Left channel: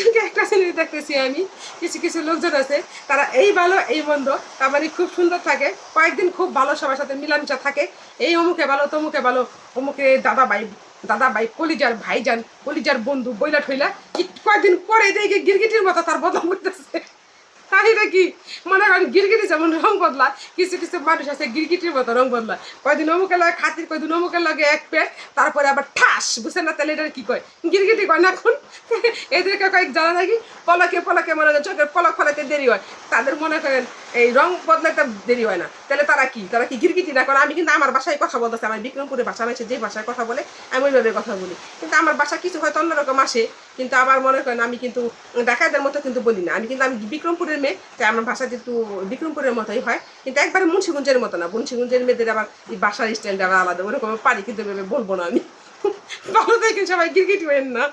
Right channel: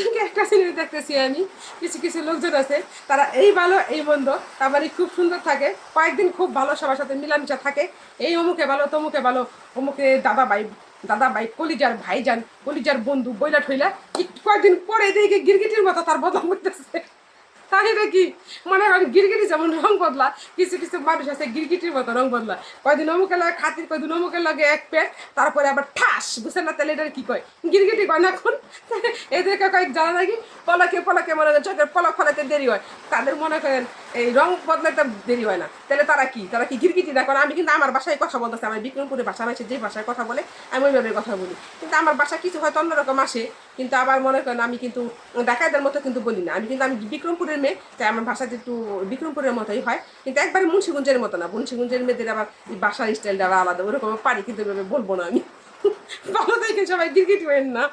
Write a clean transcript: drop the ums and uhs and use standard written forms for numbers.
আজকে একটা জিনিস দেখতেছি আমি, কিছু কিছু লোকজন আছে তারা এই ভালো এই মন্দ, তার মানে খুব সুন্দর থাকে, কয়েকদিন খুব ভালো সবার সাথে মিলামিশা থাকে, এই অমুকে ভালো তমুকে ভালো, অমুকে দাদা ভাই কলিজার ভাইজান কলিজার বন্ধু বইলা ঠইলা, কয়েকদিন পরে দেখে গিরগিটির মতো তার বদল করতেছে। কাহিনীটা কি মনে হয় গিরগিটি যেমন রং বদলা, কিছু কিছু মানুষ আছে গিরগিটির মতো রং বদলা, কয়দিন অমুকে লাগে খাতির, কয়দিন অমুকে লাগে এক পেট, তারপরে আবার ঠাস বুঝছেন না, তাহলে এটা কি কয় গিরগিটি কয় না এখন। এদেরকে কয়েক জানা নাকি পলাকে মনে হয় চোখের পলক ফলাতে দেরি হয়, তাদের মনে করেন এই রং বদলাতে দেরি হয় না, তাহলে তারা কি গিরগিটি না? কারণ আমি কিন্তু আমার বাসায় কথা বলতেছি, আমার বিক্রমপুরের ভাষা আছে, যে ভাষায় কথা বলে আমি ওইভাবে কথা বলি, কিন্তু আমার বাসা কিছু হয়তো অন্যরকম আসে, কিন্তু আবার মনে করেন আমি কিন্তু ঢাকাইদের মতো কিন্তু বলি না, আমি বিক্রমপুরের মেয়ে, তাই আমার ভাষা কিন্তু বিক্রমপুরের মতোই হয়, কিন্তু একবারে মুন্সিগঞ্জের মতো না, মুন্সিগঞ্জের মেয়েদের আবার বাসার স্টাইলটা আবার আলাদা, ওরকম পারি কিন্তু বলবো না আমি। ভালো থাকেন সবাই, গিরগিটি হবেন না।